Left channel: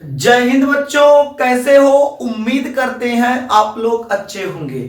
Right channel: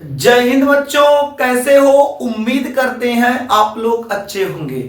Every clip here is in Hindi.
जय हिंद बच्चों, कैसे हो? उम्मीद करते हैं आप लोग अच्छे होंगे।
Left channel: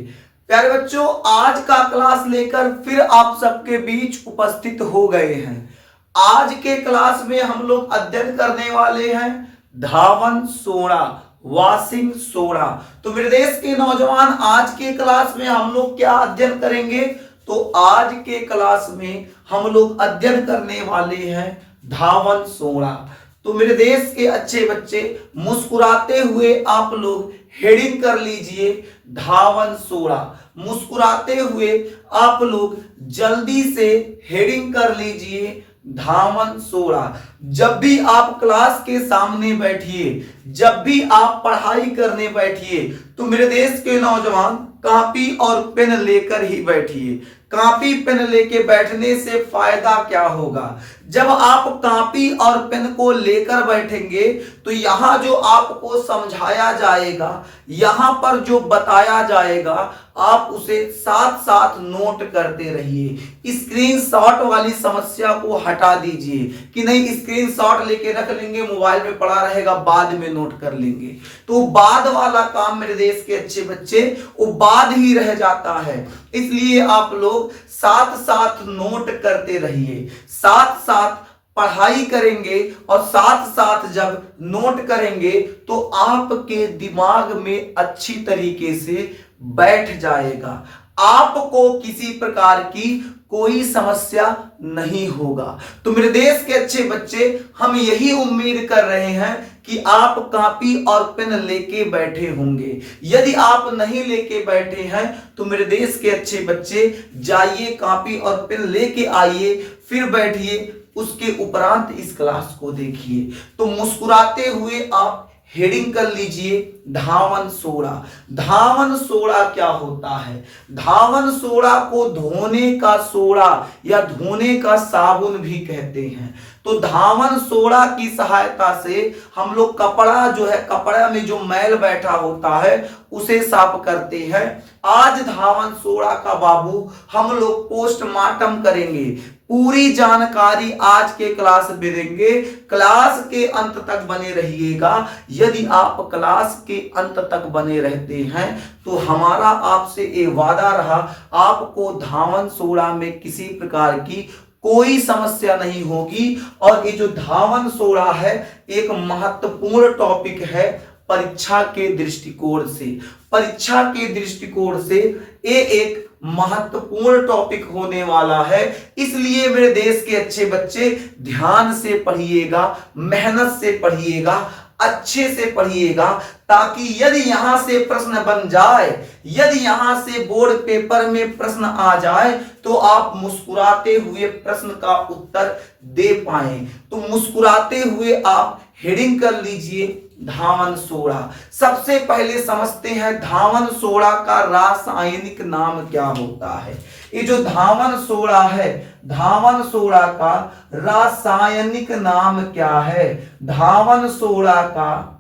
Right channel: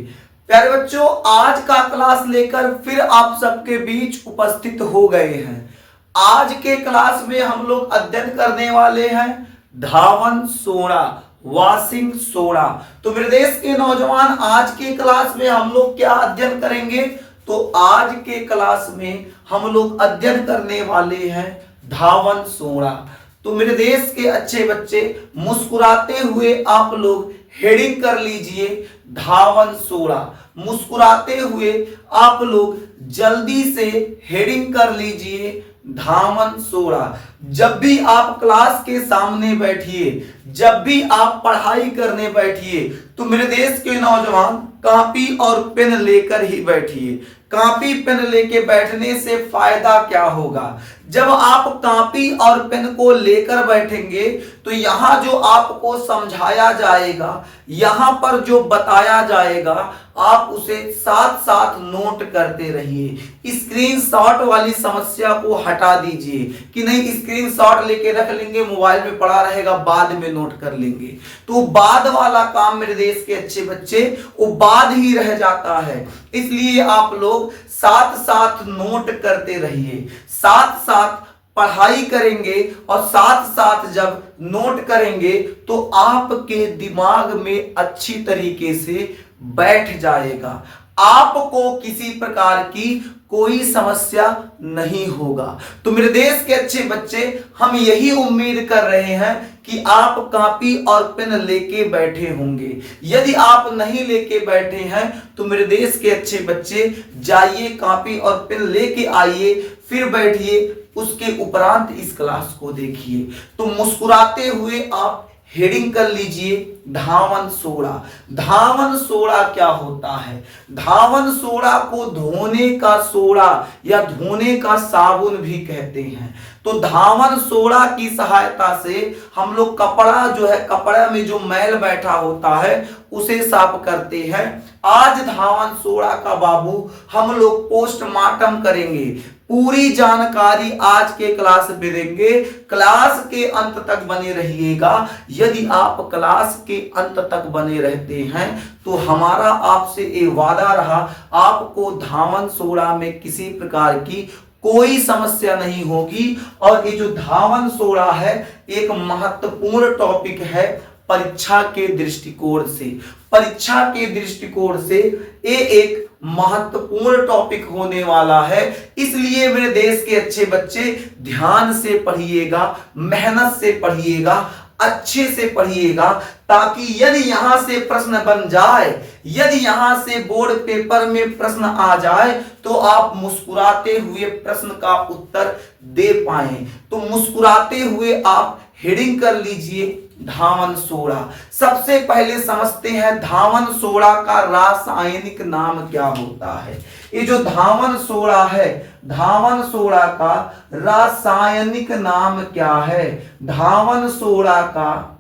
प्यारे बच्चों, आज का क्लास लेकर फिर आप सबके बीच उपस्थित हो गए हैं। आज के क्लास में हम लोग अध्ययन करने वाले हैं धावन सोडा, वॉशिंग सोडा। तो मेरे देश के नौजवान, आज के क्लास में हम लोग क्या अध्ययन करेंगे? तो आज के क्लास में हम लोग अध्ययन करने वाले हैं धावन सोडा। तो मेरे देश के अच्छे बच्चे, मुस्कुराते हुए आप लोग हेडिंग कर लीजिए धावन सोडा। मुस्कुराते हुए आप लोग जल्दी से हेडिंग कर लीजिए धावन सोडा। जब भी आप क्लास के सामने बैठिए, जब भी आप पढ़ाई करने बैठिए, तो मेरे देश के नौजवान कॉपी और पेन लेकर ही बैठिए। कॉपी पेन लेके बैठने से फायदा क्या होगा? जब आप कॉपी और पेन को लेकर बैठेंगे तो यहां जो आपको समझाया जाएगा, यहां पर जो बताया जाएगा, आप उसे साथ साथ नोट करते रहिए। स्क्रीनशॉट वाली समस्या को हटा दीजिए कि नहीं स्क्रीनशॉट लेके रख लेंगे, मोबाइल में पड़ा रहेगा, बाद में नोट कर लेंगे। तो बाद वाला काम मेरे देश के अच्छे बच्चे, वो बाद ही रह जाता है। इसलिए आप लोग साथ साथ नोट करते रहिए, साथ साथ पढ़ाई करेंगे और साथ साथ जब नोट करेंगे तो आपके दिमाग में अच्छी तरीके से बैठ जाएगा। आपको किसी प्रकार की कोई समस्या नहीं होगा। तो मेरे देश के अच्छे बच्चे, हम यही उम्मीद कर रहे हैं कि आप कॉपी और पेन लेके बैठे होंगे। यदि आप नहीं लेके बैठे हैं तो मेरे देश के अच्छे बच्चे, जाइए कॉपी और पेन लेके आइए, फिर बैठिए, उसके उपरांत इस क्लास को देखिए। तो मुस्कुराते हुए आप हेडिंग कर लीजिए धावन सोडा। धावन सोडा क्या होता है? धावन सोडा को धोने का सोडा या धोने का साबुन भी कहते हैं। तो धावन सोडा की सहायता से हम लोग कपड़ा जो है, कपड़ा में जो मैल बैठा होता है उसे साफ करते हैं। आज धावन सोडा का बाबू हम लोग पोस्टमार्टम करेंगे। पूरी जानकारी आज के क्लास में देंगे। क्लास के अंत तक बने रहिएगा। यदि आप क्लास के अंत तक बने रहते हैं तो हमारा आपसे ये वादा रहा, आपको धावन सोडा में किसी प्रकार की कोई समस्या नहीं होगी। और ये जो धावन सोडा है, एक महत्वपूर्ण टॉपिक है परीक्षा के दृष्टिकोण से। परीक्षा के दृष्टिकोण से ये एक महत्वपूर्ण टॉपिक होने वाला है। इसलिए मेरे देश के अच्छे बच्चे ध्यान से पढ़िएगा, मेहनत से पढ़िएगा, अच्छे से पढ़िएगा, ताकि यदि यहां से प्रश्न बन जाए, यदि यहां से बोर्ड पेपर में प्रश्न आ जाए तो आप मुस्कुराते हुए प्रश्न का उत्तर दे पाएं। तो मुस्कुराते हुए आप हेडिंग कर लीजिए धावन सोडा। सबसे पहले समझते हैं धावन सोडा का रासायनिक नाम क्या होता है। ये जो धावन सोडा है, धावन सोडा का रासायनिक नाम क्या है? धावन सोडा का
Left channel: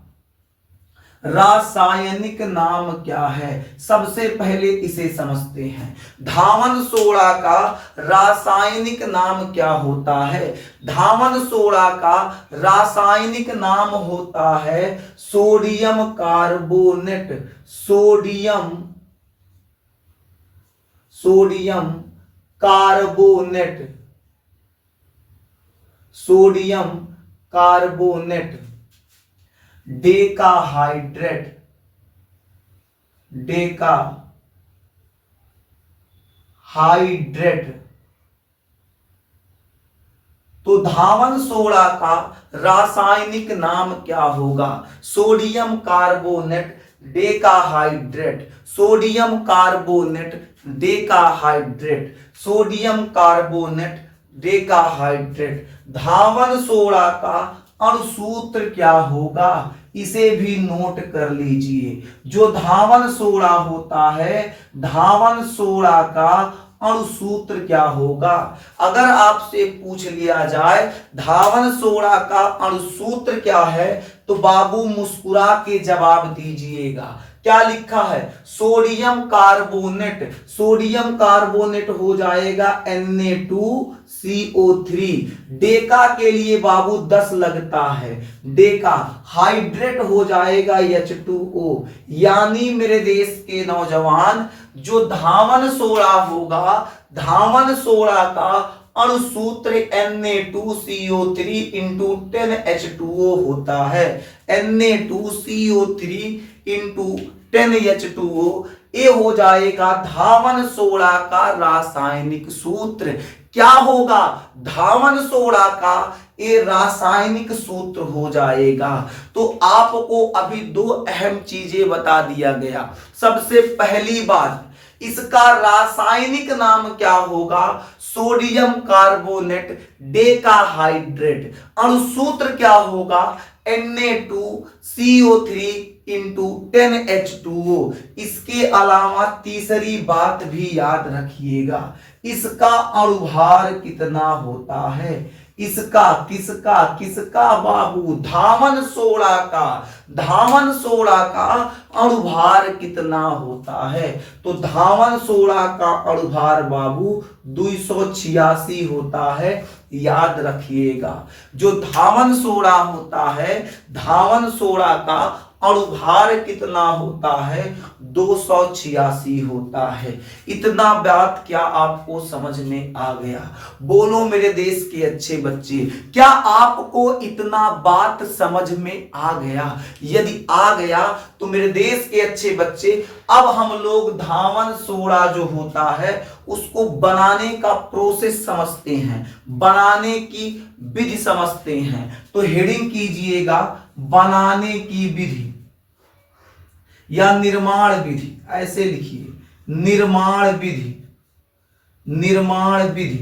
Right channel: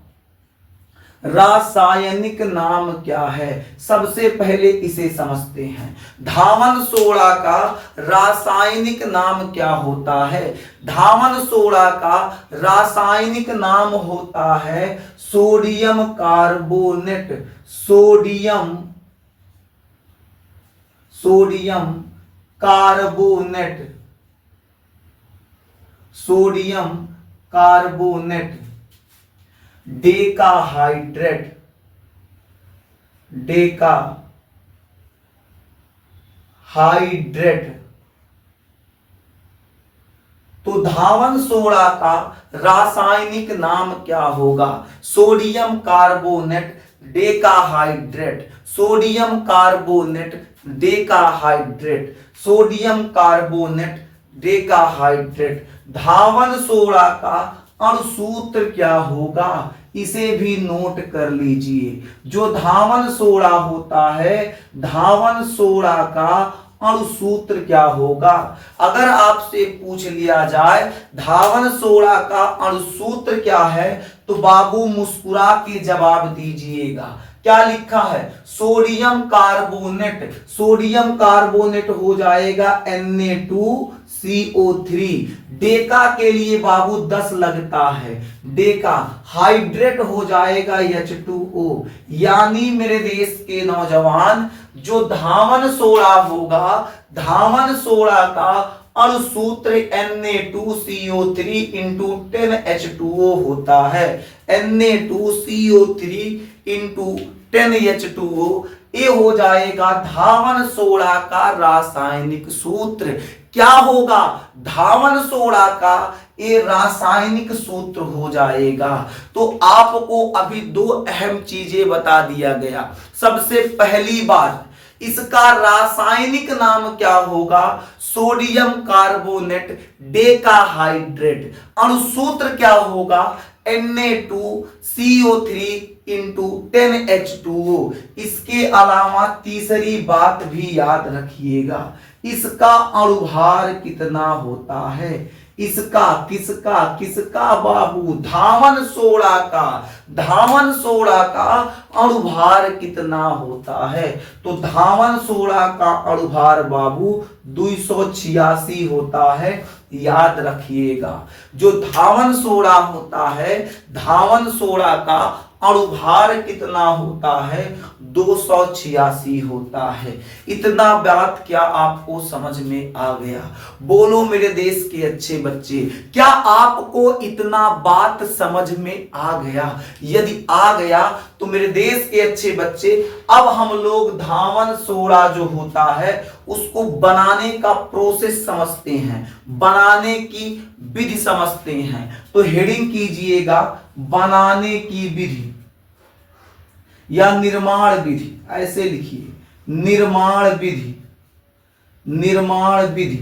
रासायनिक नाम क्या है? सबसे पहले इसे समझते हैं। धावन सोडा का रासायनिक नाम क्या होता है? धावन सोडा का रासायनिक नाम होता है sodium carbonate. Sodium carbonate, sodium carbonate. Decahydrate, decahydrate. तो धावन सोडा का रासायनिक नाम क्या होगा? Sodium carbonate decahydrate. Sodium carbonate decahydrate. Sodium carbonate decahydrate. धावन सोडा का अणुसूत्र क्या होगा? इसे भी नोट कर लीजिए। जो धावन सोडा होता है, धावन सोडा का अणुसूत्र क्या होगा? अगर आपसे पूछ लिया जाए धावन सोडा का अणुसूत्र क्या है, तो बाबू मुस्कुरा के जवाब दीजिएगा। क्या लिखा है, सोडियम कार्बोनेट, सोडियम कार्बोनेट हो जाएगा Na2CO3। डेका के लिए बाबू 10 लगता है, डेका हाइड्रेट हो जाएगा H2O। यानी मेरे देश के नौजवान जो धावन सोडा होगा, धावन सोडा का अणुसूत्र Na2CO3 इंटू 10H2O होता है, Na2CO3 इंटू 10H2O। ये हो जाएगा धावन सोडा का रासायनिक सूत्र। क्या होगा, धावन सोडा का ये रासायनिक सूत्र हो जाएगा। तो आपको अभी दो अहम चीजें बता दिया गया। सबसे पहली बात, इसका रासायनिक नाम क्या होगा, सोडियम कार्बोनेट डेकाहाइड्रेट। अणुसूत्र क्या होगा, Na2CO3 इंटू 10H2O। इसके अलावा तीसरी बात भी याद रखिएगा, इसका अणुभार कितना होता है, इसका किसका किसका बाबू, धावन सोडा का, धावन सोडा का अणुभार कितना होता है। तो धावन सोडा का अणुभार बाबू 286 होता है, याद रखिएगा। जो धावन सोडा होता है, धावन सोडा का अणुभार कितना होता है, 286 होता है। इतना बात क्या आपको समझ में आ गया? बोलो मेरे देश के अच्छे बच्चे, क्या आपको इतना बात समझ में आ गया? यदि आ गया तो मेरे देश के अच्छे बच्चे, अब हम लोग धावन सोडा जो होता है उसको बनाने का प्रोसेस समझते हैं, बनाने की विधि समझते हैं। तो हेडिंग कीजिएगा, बनाने की विधि या निर्माण विधि, ऐसे लिखिए, निर्माण विधि। निर्माण विधि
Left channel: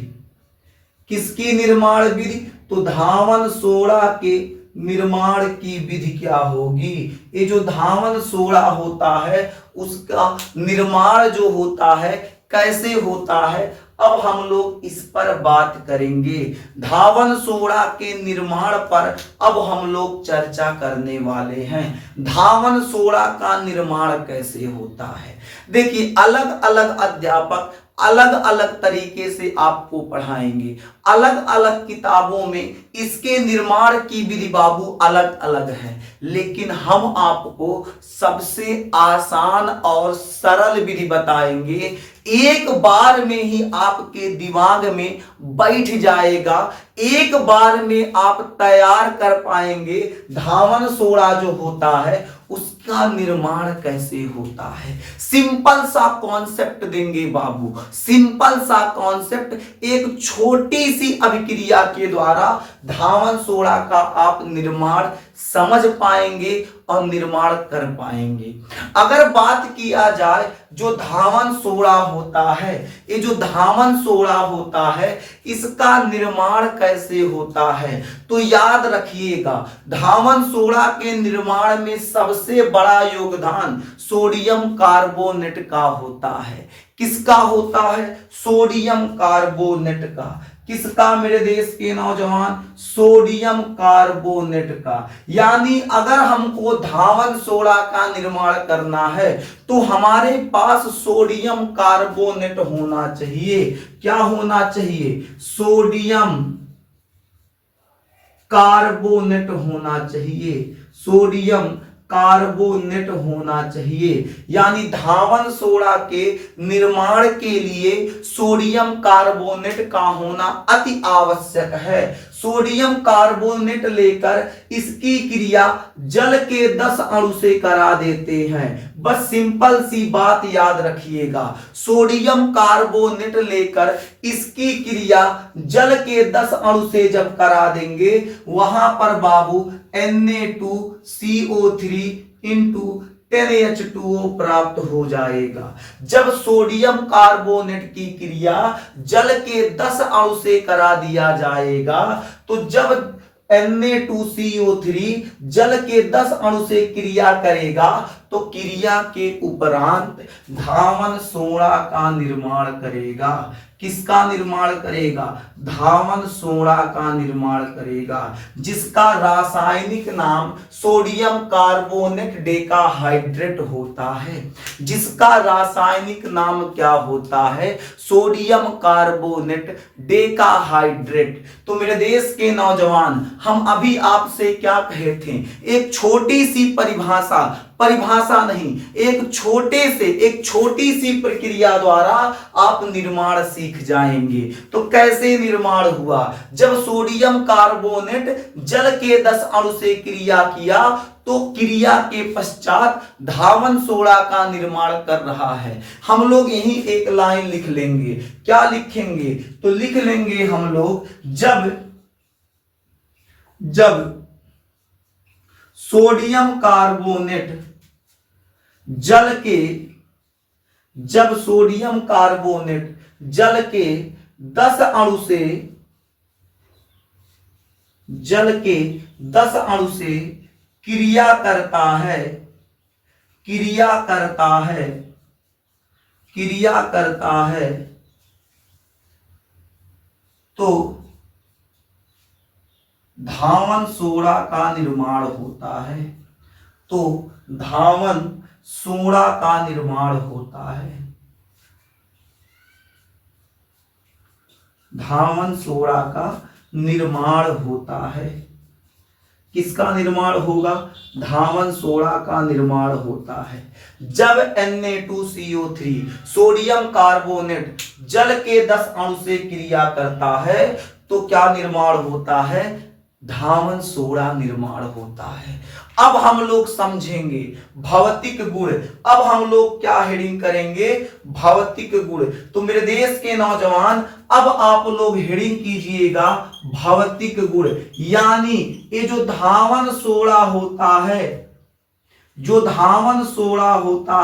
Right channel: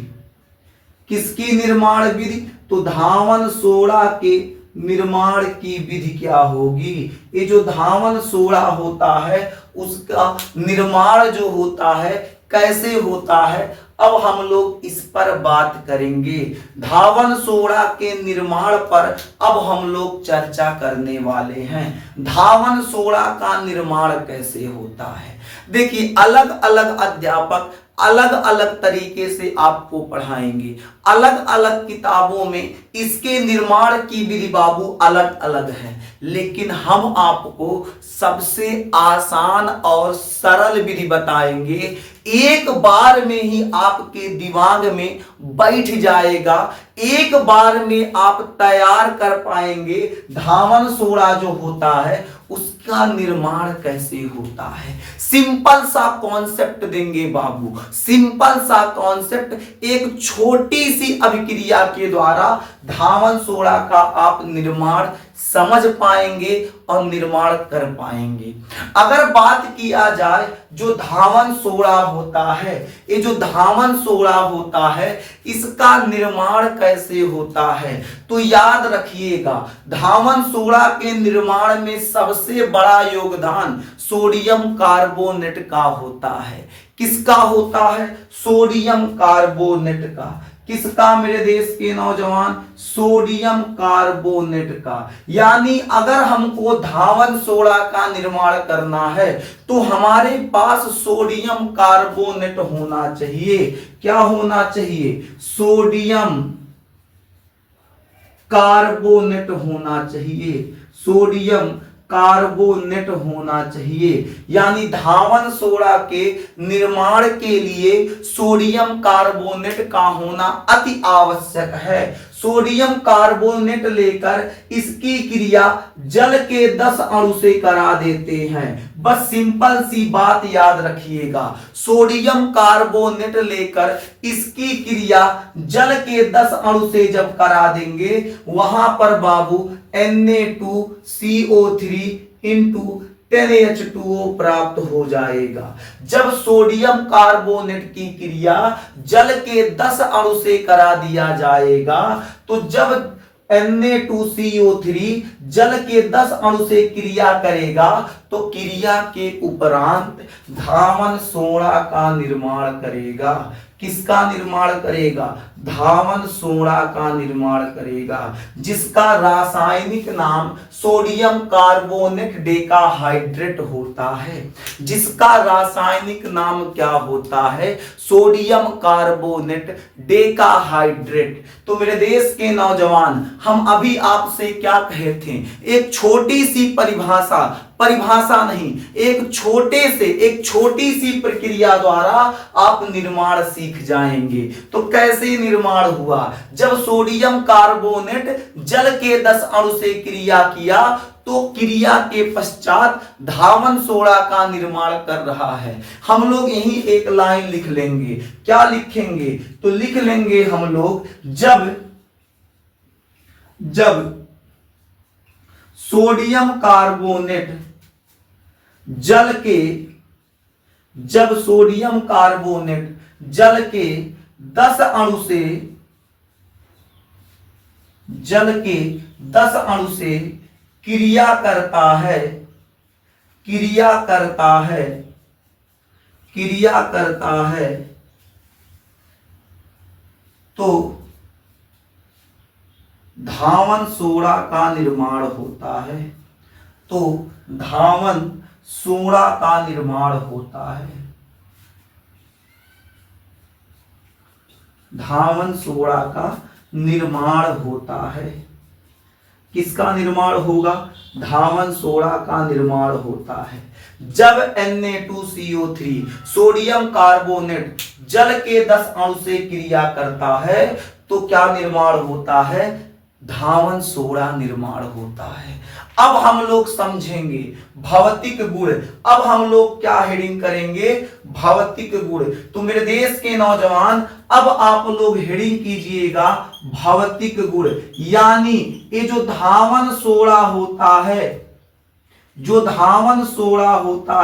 किसकी निर्माण विधि, तो धावन सोडा के निर्माण की विधि क्या होगी। ये जो धावन सोडा होता है उसका निर्माण जो होता है कैसे होता है, अब हम लोग इस पर बात करेंगे। धावन सोडा के निर्माण पर अब हम लोग चर्चा करने वाले हैं। धावन सोडा का निर्माण कैसे होता है, देखिए अलग अलग अध्यापक अलग अलग तरीके से आपको पढ़ाएंगे, अलग अलग किताबों में इसके निर्माण की विधि बाबू अलग अलग है, लेकिन हम आपको सबसे आसान और सरल विधि बताएंगे। एक बार में ही आपके दिमाग में बैठ जाएगा, एक बार में आप तैयार कर पाएंगे धावन सोडा जो होता है उसका निर्माण कैसे होता है। सिंपल सा कॉन्सेप्ट देंगे बाबू, सिंपल सा कॉन्सेप्ट, एक छोटी सी अभिक्रिया के द्वारा धावन सोडा का आप निर्माण समझ पाएंगे और निर्माण कर पाएंगे। अगर बात किया जाए जो धावन सोडा होता है, ये जो धावन सोडा होता है इसका निर्माण कैसे होता है, तो याद रखिएगा धावन सोडा के निर्माण में सबसे बड़ा योगदान सोडियम कार्बोनेट का होता है। किसका होता है, सोडियम कार्बोनेट का। किसका मेरे देश के नौजवान, सोडियम कार्बोनेट का। यानी अगर हमको धावन सोडा का निर्माण करना है तो हमारे पास सोडियम कार्बोनेट होना चाहिए। क्या होना चाहिए, सोडियम कार्बोनेट होना चाहिए, सोडियम कार्बोनेट होना चाहिए। यानी धावन सोडा के निर्माण के लिए सोडियम कार्बोनेट का होना अति आवश्यक है। सोडियम कार्बोनेट लेकर इसकी क्रिया जल के 10 अणु से करा देते हैं। बस सिंपल सी बात याद रखिएगा, सोडियम कार्बोनेट लेकर इसकी क्रिया जल के 10 अणु से जब करा देंगे वहां पर बाबू Na2CO3 इंटू 10H2O प्राप्त हो जाएगा। जब सोडियम कार्बोनेट की क्रिया जल के 10 अणु से करा दिया जाएगा तो जब Na2CO3 जल के 10 अणु से क्रिया करेगा तो क्रिया के उपरांत धावन सोडा का निर्माण करेगा। किसका निर्माण करेगा? धावन सोडा का निर्माण करेगा, जिसका रासायनिक नाम सोडियम कार्बोनेट डेकाहाइड्रेट होता है। जिसका रासायनिक नाम क्या होता है? Sodium carbonate decahydrate. तो मेरे देश के नौजवान, हम अभी आपसे क्या कहे थे? एक छोटी सी परिभाषा नहीं, एक छोटी सी प्रक्रिया द्वारा आप निर्माण सीख जाएंगे। तो कैसे निर्माण हुआ? जब सोडियम कार्बोनेट जल के 10 अणु से क्रिया किया तो क्रिया के पश्चात धावन सोडा का निर्माण कर रहा है। हम लोग यही एक लाइन लिख लेंगे। क्या लिखेंगे? तो लिख लेंगे हम लोग, जब सोडियम कार्बोनेट जल के 10 अणु से क्रिया करता है तो धावन सोडा का निर्माण होता है। तो धावन सोडा का निर्माण होता है। धावन सोडा का निर्माण होता है। किसका निर्माण होगा? धावन सोडा का निर्माण होता है। जब Na2CO3 सोडियम कार्बोनेट जल के 10 अणु से क्रिया करता है तो क्या निर्माण होता है? धावन सोडा निर्माण होता है। अब हम लोग समझेंगे भौतिक गुण। अब हम लोग क्या हेडिंग करेंगे? भौतिक गुण। तो मेरे देश के नौजवान, अब आप लोग हेडिंग कीजिएगा भौतिक गुण। यानी ये जो धावन सोडा होता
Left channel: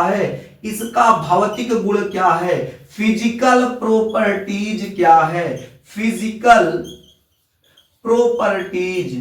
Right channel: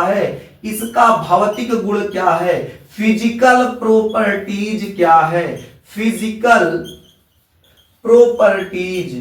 है, इसका भौतिक गुण क्या है? फिजिकल प्रॉपर्टीज क्या है? Physical properties.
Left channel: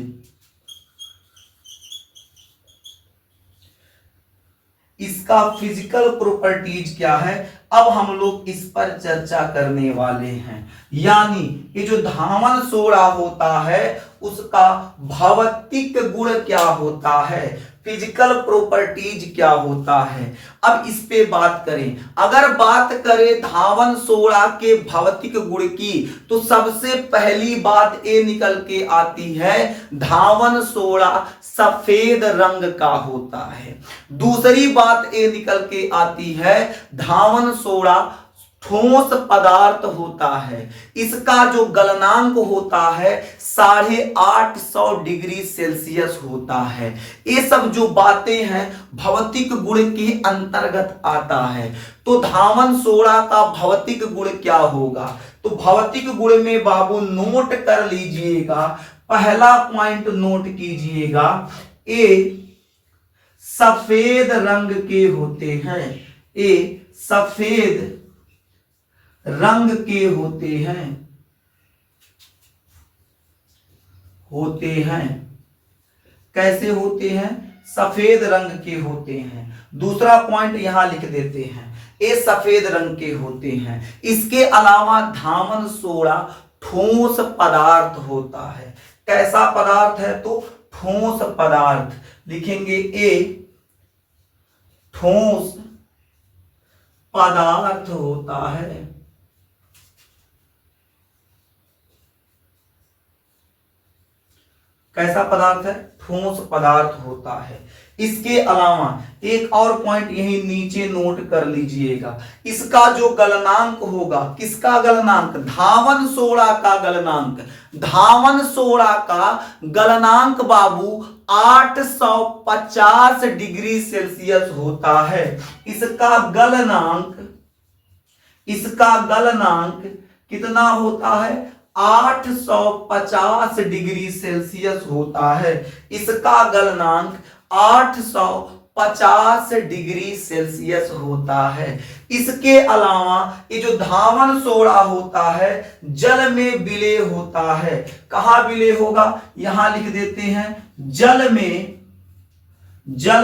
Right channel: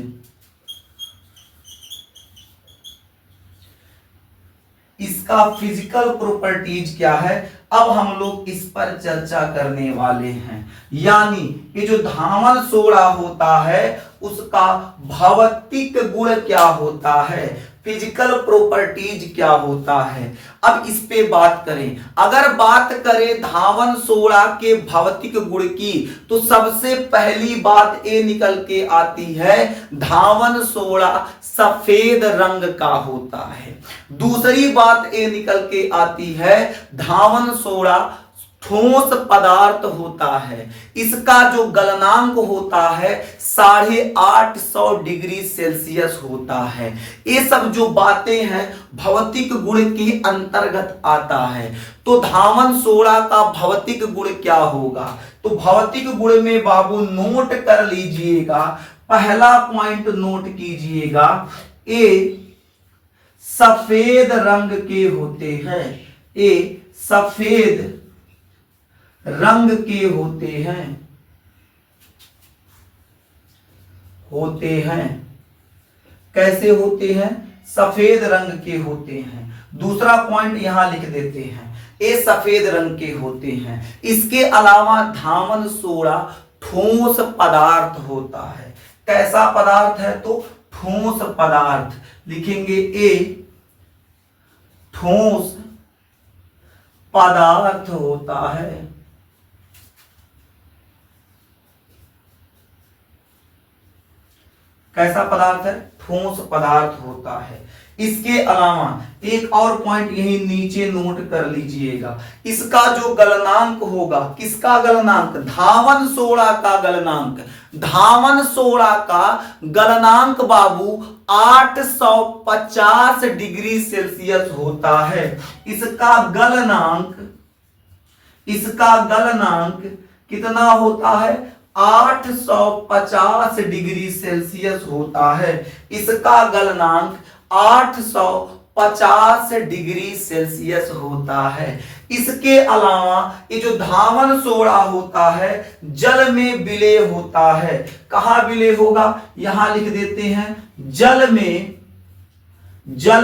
इसका फिजिकल प्रॉपर्टीज क्या है? अब हम लोग इस पर चर्चा करने वाले हैं। यानी ये जो धावन सोडा होता है उसका भौतिक गुण क्या होता है, फिजिकल प्रॉपर्टीज क्या होता है। अब इस पे बात करें। अगर बात करें धावन सोडा के भौतिक गुण की तो सबसे पहली बात ये निकल के आती है, धावन सोडा सफेद रंग का होता है। दूसरी बात ये निकल के आती है, धावन सोडा ठोस पदार्थ होता है। इसका जो गलनांक होता है 850 डिग्री सेल्सियस होता है। ये सब जो बातें हैं भौतिक गुण के अंतर्गत आता है। तो धावन सोडा का भौतिक गुण क्या होगा? तो भौतिक गुण में बाबू नोट कर लीजिएगा। पहला पॉइंट नोट कीजिएगा, ये सफेद रंग के होते हैं। ये सफेद रंग के होते हैं। कैसे होते हैं? सफेद रंग के होते हैं। दूसरा पॉइंट यहां लिख देते हैं, ये सफेद रंग के होते हैं। इसके अलावा धावन सोडा ठोस पदार्थ होता है। कैसा पदार्थ है? तो ठोस पदार्थ लिखेंगे, ए ठोस पदार्थ होता है। कैसा पदार्थ है? ठोस पदार्थ होता है। इसके अलावा एक और पॉइंट यही नीचे नोट कर लीजिएगा, इसका जो गलनांक होगा, किसका गलनांक? धावन सोडा का गलनांक। धावन सोडा का गलनांक बाबू 850 डिग्री सेल्सियस होता है। इसका गलनांक कितना होता है? 850 डिग्री सेल्सियस होता है। इसका गलनांक 850 डिग्री सेल्सियस होता है। इसके अलावा ये जो धावन सोडा होता है जल में विलय होता है। कहां विलय होगा? यहां लिख देते हैं, जल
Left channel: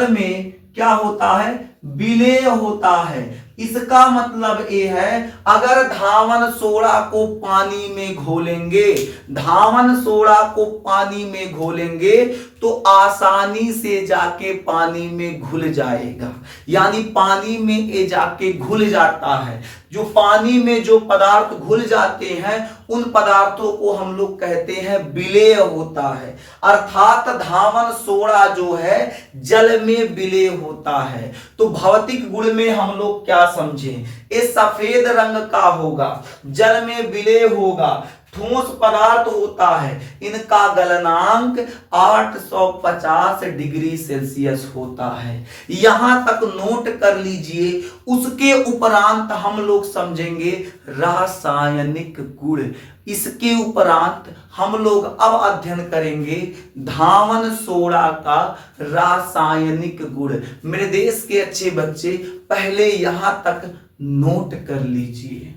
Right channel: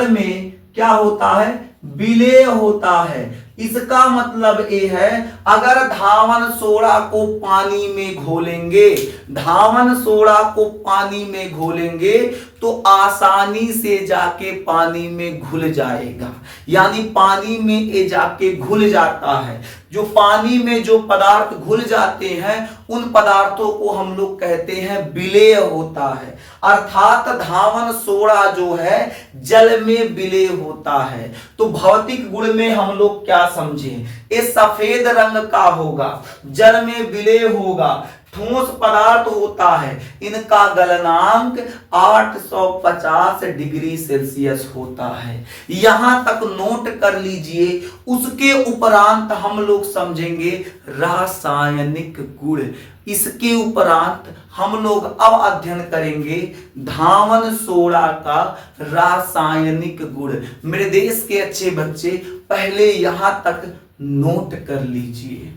में क्या होता है? विलय होता है। इसका मतलब ये है, अगर धावन सोडा को पानी में घोलेंगे, धावन सोडा को पानी में घोलेंगे तो आसानी से जाके पानी में घुल जाएगा, यानी पानी में ये जाके घुल जाता है। जो पानी में जो पदार्थ घुल जाते हैं उन पदार्थों को हम लोग कहते हैं विलेय होता है, अर्थात धावन सोडा जो है जल में विलेय होता है। तो भौतिक गुण में हम लोग क्या समझें, ये सफेद रंग का होगा, जल में विलेय होगा, ठोस पदार्थ होता है, इनका गलनांक 850 डिग्री सेल्सियस होता है। यहां तक नोट कर लीजिए। उसके उपरांत हम लोग समझेंगे रासायनिक गुण। इसके उपरांत हम लोग अब अध्ययन करेंगे धावन सोडा का रासायनिक गुण। मेरे देश के अच्छे बच्चे पहले यहां तक नोट कर लीजिए।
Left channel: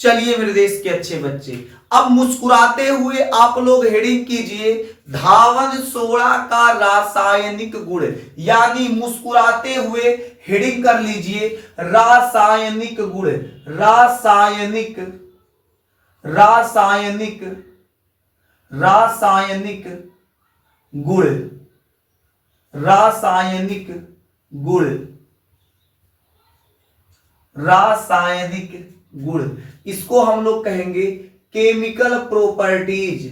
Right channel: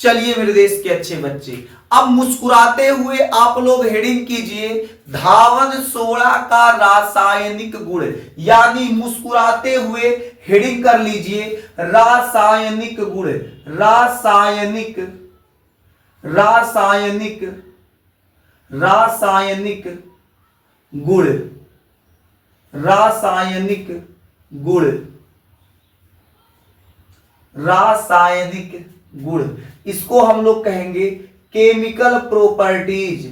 चलिए मेरे देश के अच्छे बच्चे, अब मुस्कुराते हुए आप लोग हेडिंग कीजिए धावन सोडा का रासायनिक गुण, यानी मुस्कुराते हुए हेडिंग कर लीजिए रासायनिक गुण, रासायनिक रासायनिक रासायनिक गुण, रासायनिक गुण, रासायनिक गुण। इसको हम लोग कहेंगे केमिकल प्रॉपर्टीज,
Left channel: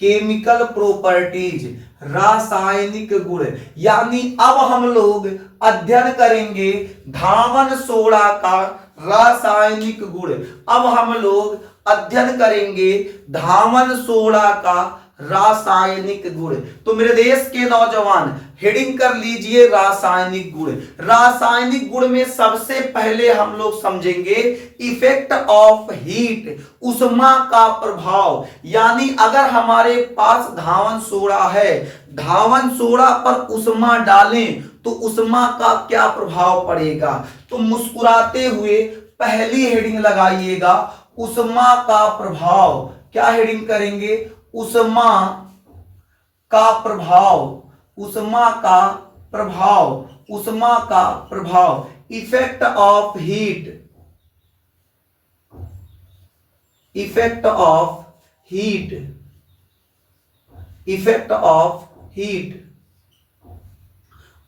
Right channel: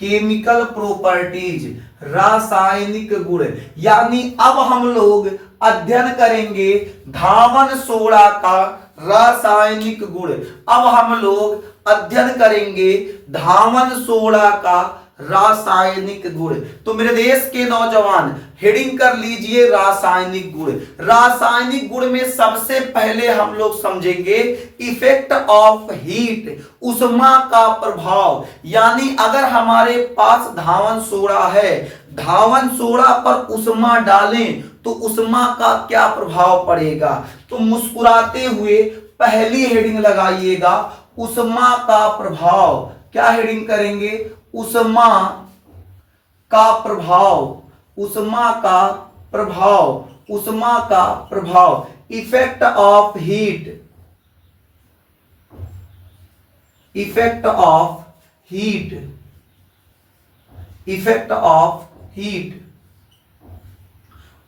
केमिकल प्रॉपर्टीज, रासायनिक गुण। यानी अब हम लोग अध्ययन करेंगे धावन सोडा का रासायनिक गुण। अब हम लोग अध्ययन करेंगे धावन सोडा का रासायनिक गुण। तो मेरे देश के नौजवान हेडिंग कर लीजिए रासायनिक गुण। रासायनिक गुण में सबसे पहले हम लोग समझेंगे इफेक्ट ऑफ हीट, उष्मा का प्रभाव। यानी अगर हमारे पास धावन सोडा है, धावन सोडा पर उष्मा डालें तो उष्मा का क्या प्रभाव पड़ेगा। तो मुस्कुराते हुए पहली हेडिंग लगाइएगा उष्मा का प्रभाव। क्या हेडिंग करेंगे, उष्मा का प्रभाव, उष्मा का प्रभाव, उष्मा का प्रभाव, effect of heat, effect of heat, effect of heat,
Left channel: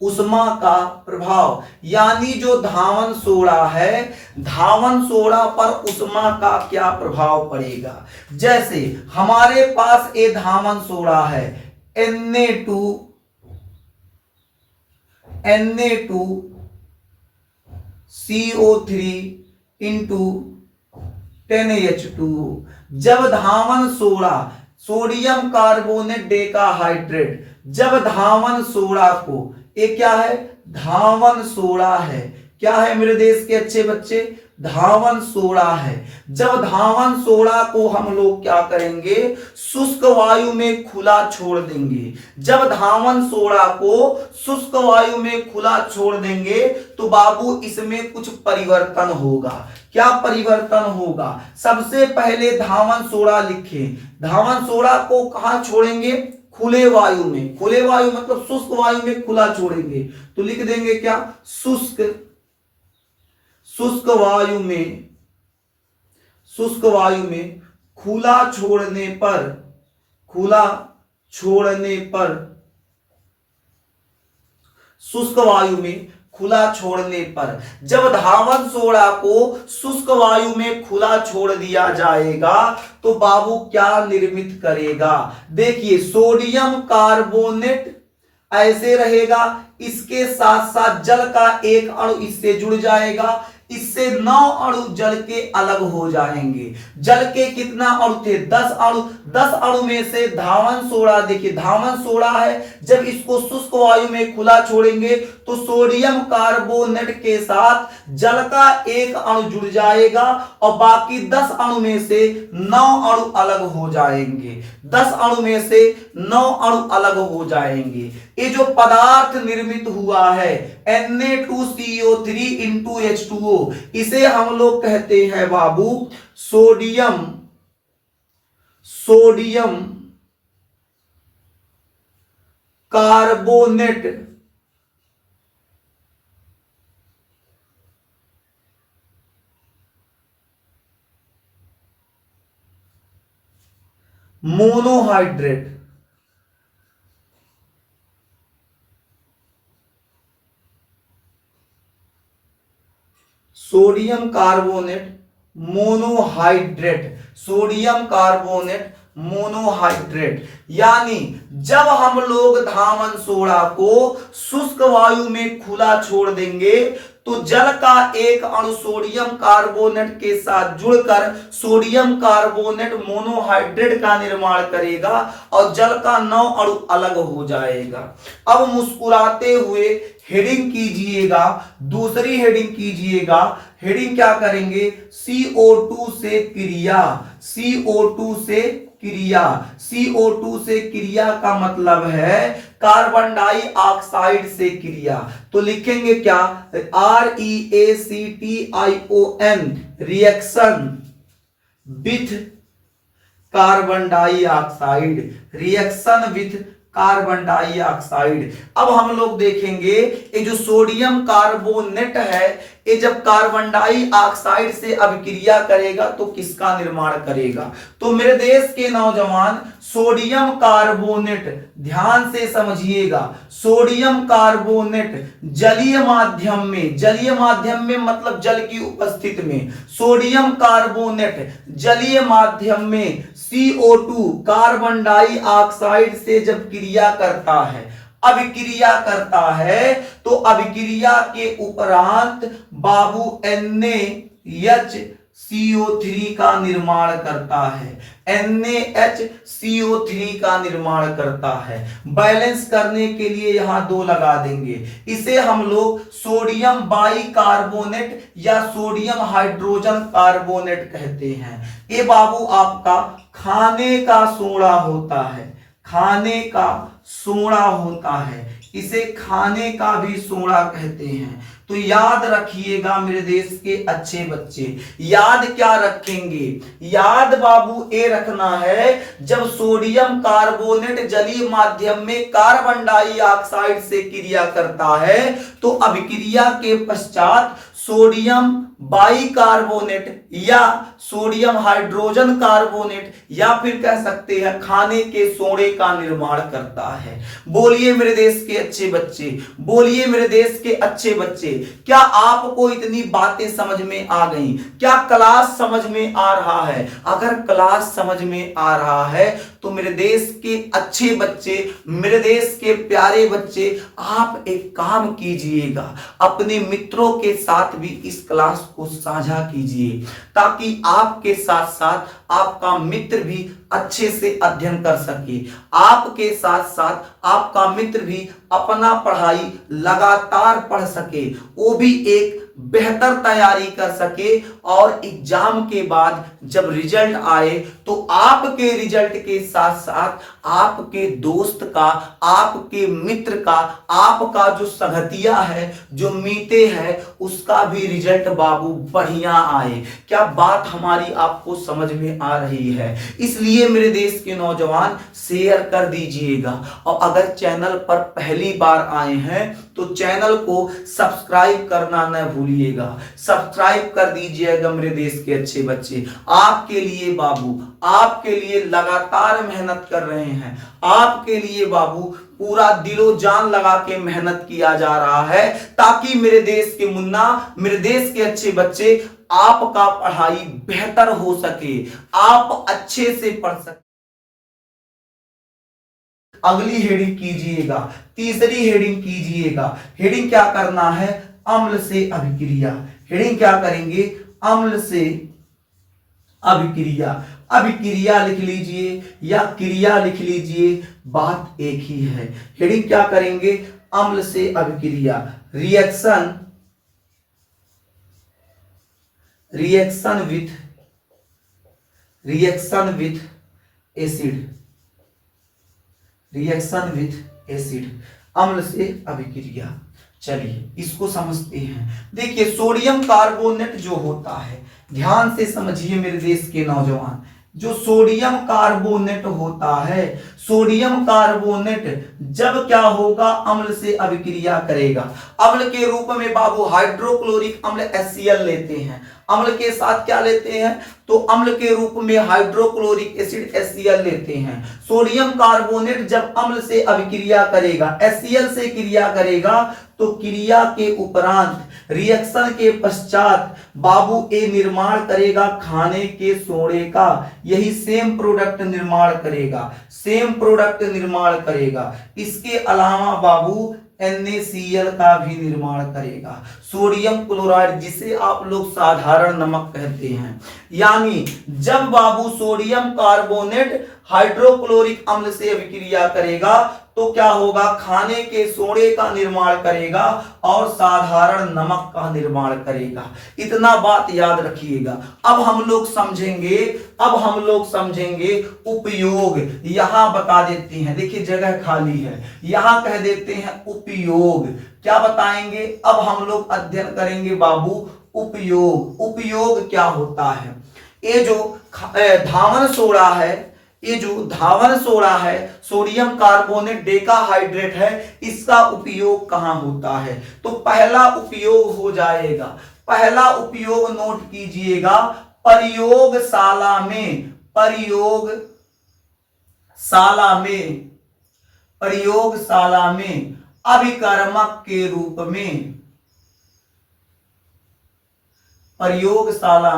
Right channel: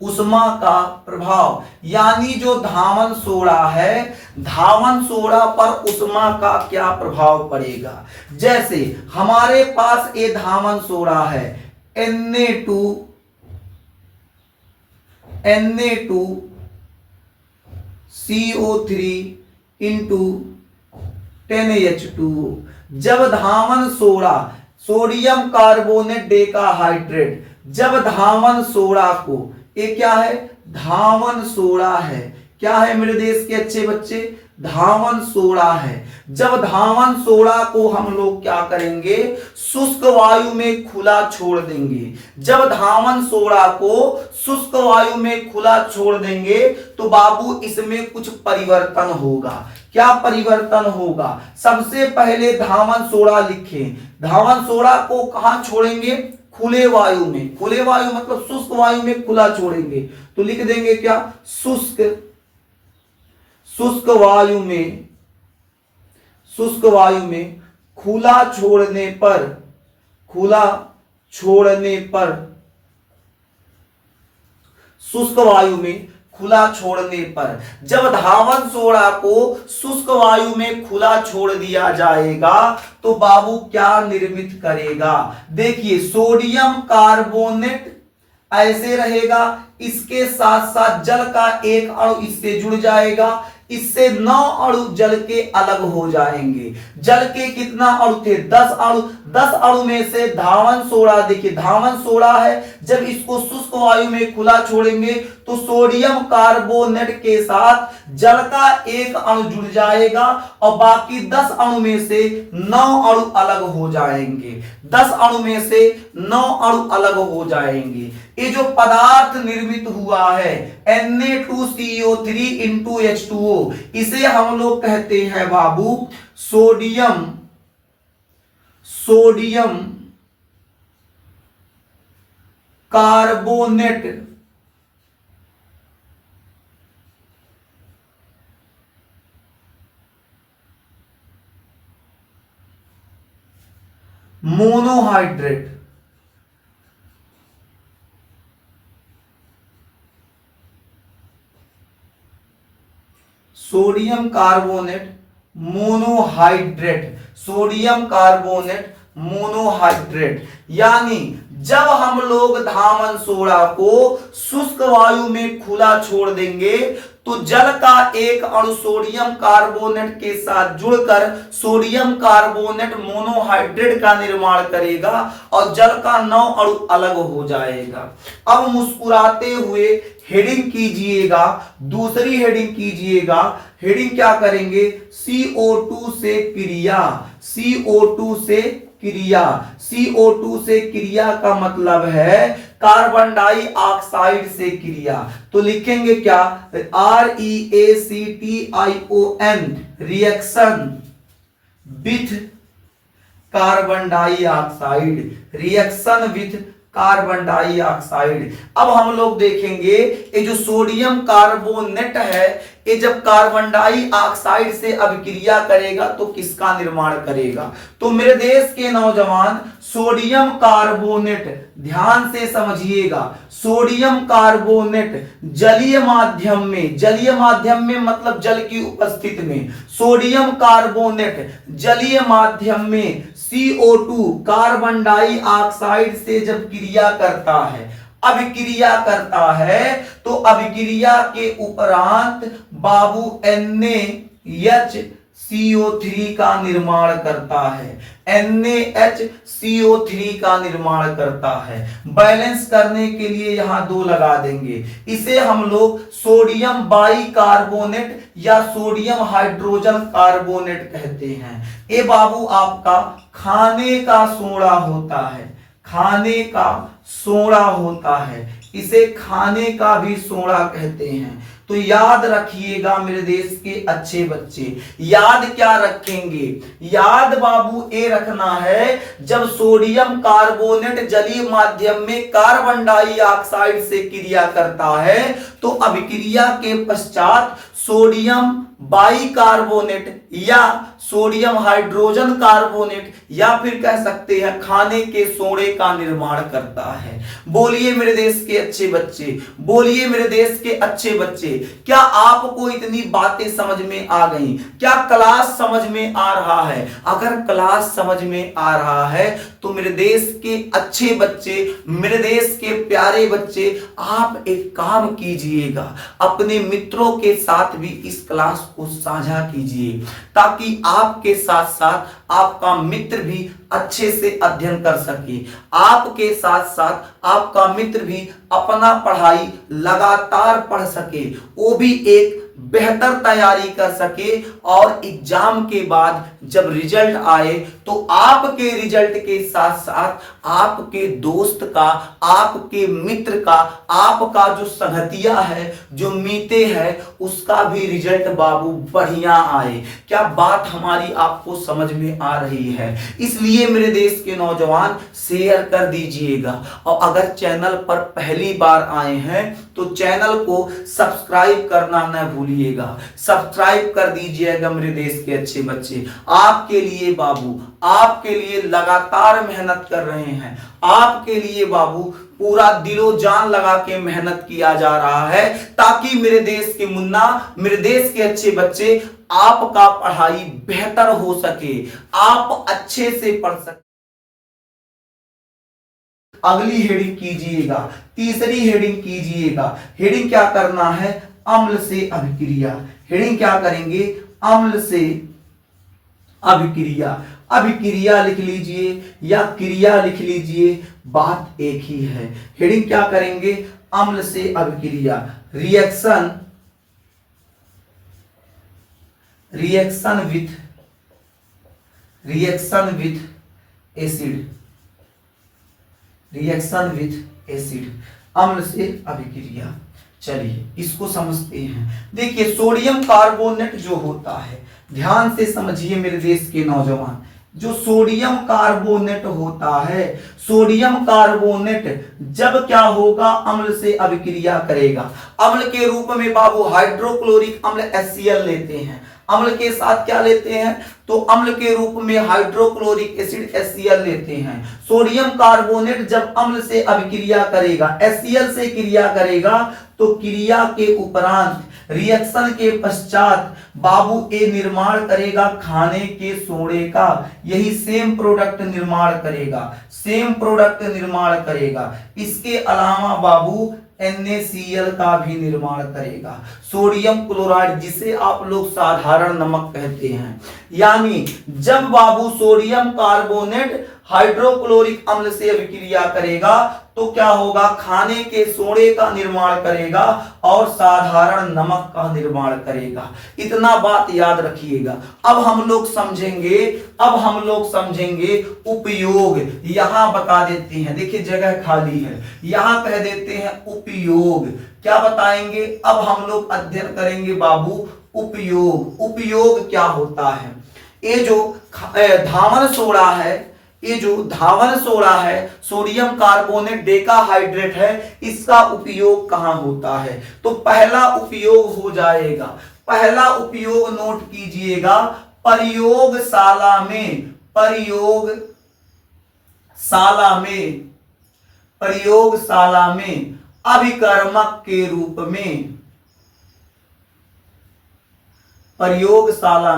उष्मा का प्रभाव। यानी जो धावन सोडा है, धावन सोडा पर उष्मा का क्या प्रभाव पड़ेगा। जैसे हमारे पास ये धावन सोडा है Na2 CO3 इंटू 10H2O। जब धावन सोडा, सोडियम कार्बोनेट डेकाहाइड्रेट, जब धावन सोडा को, ये क्या है, धावन सोडा है। क्या है मेरे देश के अच्छे बच्चे, धावन सोडा है। जब धावन सोडा को हम लोग क्या करेंगे, शुष्क वायु में खुला छोड़ देंगे। जब धावन सोडा को शुष्क वायु में खुला छोड़ देंगे तो बाबू इसमें कुछ परिवर्तन होगा। क्या परिवर्तन होगा, सबसे पहले धावन सोडा लिखें। धावन सोडा को कहां छोड़ेंगे, खुले वायु में। खुले वायु मतलब शुष्क वायु में खुला छोड़ेंगे तो लिख देंगे क्या, शुष्क, शुष्क वायु में, शुष्क वायु में खुला छोड़ने पर, खुला छोड़ने पर, शुष्क वायु में खुला छोड़ने पर। जब धावन सोडा को शुष्क वायु में खुला छोड़ दिया जाएगा तो बाबू क्या निर्मित करेगा, देखिए सोडियम कार्बोनेट ऐसे रहेगा, इसके साथ साथ जल का एक अणु इससे जुड़ जाएगा, इससे 9 अणु जल के अलग हो जाएंगे। जल के कितना अणु थे, 10 अणु। 10 अणु में से धावन सोडा, देखिए धावन सोडा है, जब इसको शुष्क वायु में खुला छोड़ेंगे तो सोडियम कार्बोनेट के साथ जल का एक अणु जुड़ जाएगा और बाकी 10 अणु में से 9 अणु अलग हो जाएंगे। 10 अणु में से 9 अणु अलग हो जाएंगे। ये जो पदार्थ निर्मित हुआ है Na2CO3 इंटू H2O, इसे हम लोग कहते हैं बाबू sodium carbonate monohydrate. Sodium carbonate monohydrate, sodium carbonate monohydrate. यानी जब हम लोग धामन सोडा को शुष्क वायु में खुला छोड़ देंगे तो जल का एक अणु सोडियम कार्बोनेट के साथ जुड़कर सोडियम कार्बोनेट मोनोहाइड्रेट का निर्माण करेगा और जल का 9 अणु अलग हो जाएगा। अब मुस्कुराते हुए हेडिंग कीजिएगा, दूसरी हेडिंग कीजिएगा। हेडिंग क्या करेंगे? CO2 से क्रिया। CO2 से क्रिया, CO2 से क्रिया का मतलब है कार्बन डाइऑक्साइड से क्रिया। तो लिखेंगे क्या? REACTION, reaction with carbon dioxide, reaction with carbon dioxide. अब हम लोग देखेंगे ये जो सोडियम कार्बोनेट है, ये जब कार्बन डाइऑक्साइड से अभिक्रिया करेगा तो किसका निर्माण करेगा? तो मेरे देश के नौजवान, सोडियम कार्बोनेट, ध्यान से समझिएगा, सोडियम कार्बोनेट जलीय माध्यम में मतलब जल की उपस्थिति में, सोडियम कार्बोनेट जलीय माध्यम में CO2 कार्बन डाइऑक्साइड से जब क्रिया करता है, अभिक्रिया करता है, तो अभिक्रिया के उपरांत बाबू NaHCO3 का निर्माण करता है, NaHCO3 का निर्माण करता है। बैलेंस करने के लिए यहां 2 लगा देंगे। इसे हम लोग सोडियम बाइकार्बोनेट या सोडियम हाइड्रोजन कार्बोनेट कहते हैं। ये बाबू आपका खाने का सोडा होता है, खाने का सोडा होता है, इसे खाने का भी सोडा कहते हैं। तो याद रखिएगा मेरे देश के अच्छे बच्चे, याद क्या रखेंगे? याद बाबू ये रखना है, जब सोडियम कार्बोनेट जलीय माध्यम में कार्बन डाइऑक्साइड से क्रिया करता है तो अभिक्रिया के पश्चात सोडियम बाइकार्बोनेट या सोडियम हाइड्रोजन कार्बोनेट या फिर कह सकते हैं खाने के सोडे का निर्माण करता है। बोलिए मेरे देश के अच्छे बच्चे, बोलिए मेरे देश के अच्छे बच्चे, क्या आपको इतनी बातें समझ में आ गई? क्या क्लास समझ में आ रहा है? अगर क्लास समझ में आ रहा है तो मेरे देश के अच्छे बच्चे, मेरे देश के प्यारे बच्चे, आप एक काम कीजिएगा, अपने मित्रों के साथ भी इस क्लास को साझा कीजिए ताकि आपके साथ साथ आपका मित्र भी अच्छे से अध्ययन कर सके, आपके साथ साथ आपका मित्र भी अपना पढ़ाई लगातार पढ़ सके, वो भी एक बेहतर तैयारी कर सके और एग्जाम के बाद जब रिजल्ट आए तो आपके रिजल्ट के साथ साथ आपके दोस्त का, आपके मित्र का, आपका जो संगतिया है, जो मीते है, उसका भी रिजल्ट बाबू बढ़िया आए। क्या बात हमारी आपको समझ में आ रही है? इसलिए मेरे देश के नौजवान शेयर कर दीजिएगा और अगर चैनल पर पहली बार आए हैं तो चैनल को सब्सक्राइब करना न भूलिएगा, सब्सक्राइब कर दीजिएगा मेरे देश के अच्छे बच्चे। आपके लिए बाबू, आपके लिए लगातार मेहनत कर रहे हैं, आपके लिए बाबू पूरा दिलो जान लगा के मेहनत किया जा रहा है ताकि मेरे देश के मुन्ना, मेरे देश के अच्छे बच्चे, आपका पढ़ाई बेहतर हो सके, आप अच्छे से पढ़ सके। अगली हेडिंग कीजिएगा, तीसरी हेडिंग कीजिएगा। हेडिंग क्या करना है? अम्ल से अभिक्रिया। हेडिंग क्या करेंगे? अम्ल से अभिक्रिया। अभिक्रिया लिख लीजिए या क्रिया लिख लीजिए, बात एक ही है। हेडिंग क्या करेंगे, अम्ल से अभिक्रिया, रिएक्शन विथ एसिड, अम्ल से अभिक्रिया। चलिए इसको समझते हैं। देखिए सोडियम कार्बोनेट जो होता है, ध्यान से समझिए मेरे देश के नौजवान, जो सोडियम कार्बोनेट होता है, सोडियम कार्बोनेट जब क्या होगा, अम्ल से अभिक्रिया करेगा। अम्ल के रूप में बाबू हाइड्रोक्लोरिक अम्ल HCl लेते हैं, अम्ल के साथ क्या लेते हैं, तो अम्ल के रूप में हाइड्रोक्लोरिक एसिड HCl लेते हैं। सोडियम कार्बोनेट जब अम्ल से अभिक्रिया करेगा, HCl से क्रिया करेगा, तो क्रिया के उपरांत, रिएक्शन के पश्चात बाबू ए निर्माण करेगा खाने के सोडे का, यही सेम प्रोडक्ट निर्माण करेगा। इसके अलावा बाबू NaCl का भी निर्माण करेगा। सोडियम क्लोराइड जिसे आप लोग साधारण नमक कहते हैं, यानी जब बाबू सोडियम कार्बोनेट हाइड्रोक्लोरिक अम्ल से अभिक्रिया करेगा तो क्या होगा, खाने के सोडे का निर्माण करेगा और साधारण नमक का निर्माण करेगा। इतना बात याद रखिएगा। अब हम लोग समझेंगे उपयोग। यहां बता देते हैं, देखिए जगह खाली है, यहां कह देते हैं उपयोग। क्या बताएंगे, अब हम लोग अध्ययन करेंगे बाबू उपयोग क्या होता है। ये जो धावन सोडा है, सोडियम कार्बोनेट डेकाहाइड्रेट है, इसका उपयोग कहां होता है, तो पहला उपयोग हो जाएगा, पहला उपयोग नोट कीजिएगा, प्रयोगशाला में अभिकर्मक के रूप में, प्रयोगशाला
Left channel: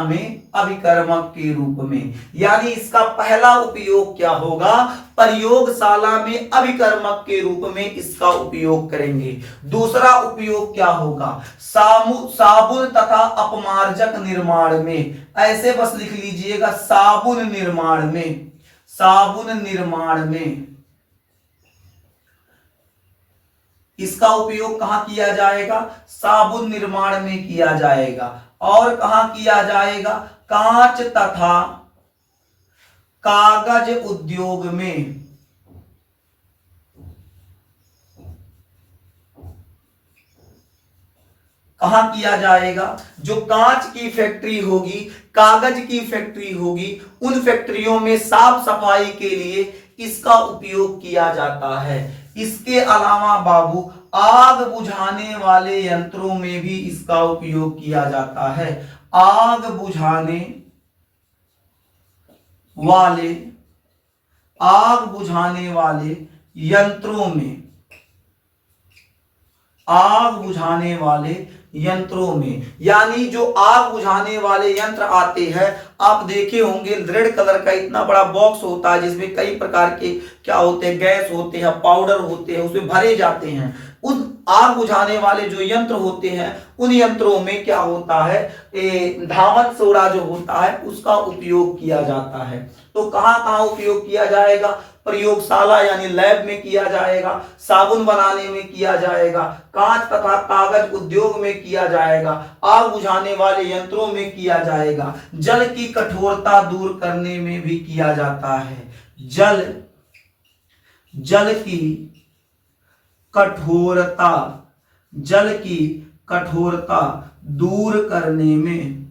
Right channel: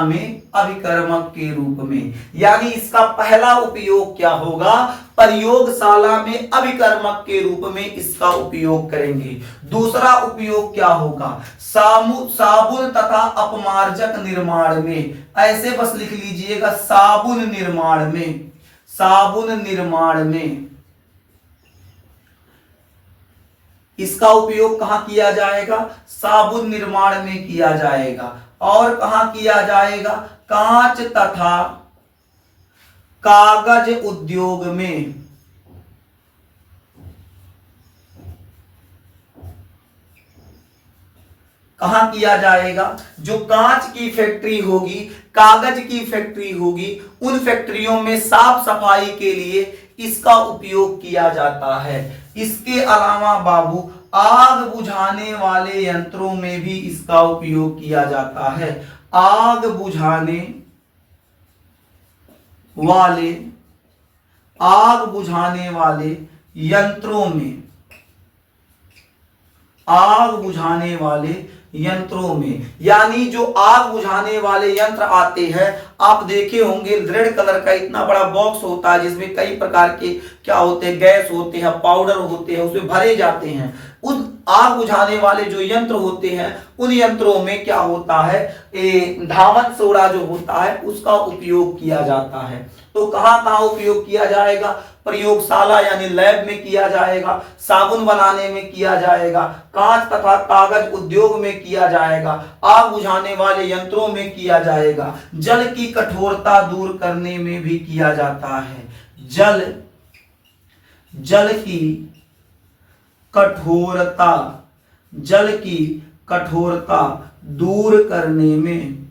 में अभिकर्मक के रूप में, यानी इसका पहला उपयोग क्या होगा, प्रयोगशाला में अभिकर्मक के रूप में इसका उपयोग करेंगे। दूसरा उपयोग क्या होगा, साबुन तथा अपमार्जक निर्माण में, ऐसे बस लिख लीजिएगा, साबुन निर्माण में इसका उपयोग कहां किया जाएगा, साबुन निर्माण में किया जाएगा। और कहां किया जाएगा, कांच तथा कागज उद्योग में, कहां किया जाएगा, जो कांच की फैक्ट्री होगी, कागज की फैक्ट्री होगी, उन फैक्ट्रियों में साफ सफाई के लिए इसका उपयोग किया जाता है। इसके अलावा बाबू आग बुझाने वाले यंत्रों में भी इसका उपयोग किया जाता है। आग बुझाने वाले यंत्रों में, यानी जो आग बुझाने वाले यंत्र आते हैं, आप देखे होंगे रेड कलर का इतना बड़ा बॉक्स होता है जिसमें कई प्रकार के क्या होते हैं, गैस होते हैं, पाउडर होते हैं, उसमें भरे जाते हैं। उन आग बुझाने वाले जो यंत्र होते हैं, उन यंत्रों में क्या होता है, धावन सोडा जो होता है उसका उपयोग किया जाता है। तो कहां कहां उपयोग किया जाएगा, प्रयोगशाला यानी लैब में किया जाएगा, साबुन बनाने में किया जाएगा, कांच तथा कागज उद्योग में किया जाएगा, आग बुझाने वाले यंत्रों में किया जाएगा, जल की कठोरता दूर करने में भी किया जाता है। जल की कठोरता दूर करने में,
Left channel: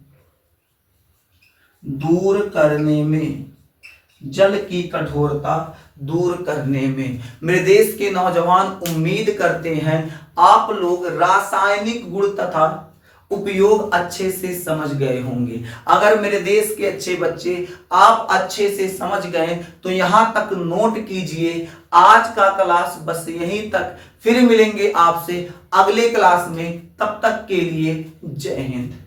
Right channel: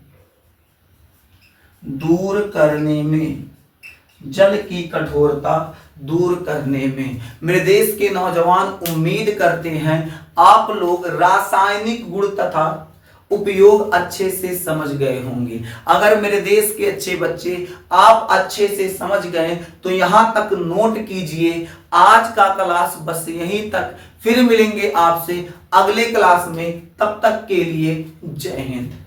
जल की कठोरता दूर करने में। मेरे देश के नौजवान उम्मीद करते हैं आप लोग रासायनिक गुण तथा उपयोग अच्छे से समझ गए होंगे। अगर मेरे देश के अच्छे बच्चे आप अच्छे से समझ गए तो यहां तक नोट कीजिए। आज का क्लास बस यहीं तक, फिर मिलेंगे आपसे अगले क्लास में। तब तक के लिए जय हिंद।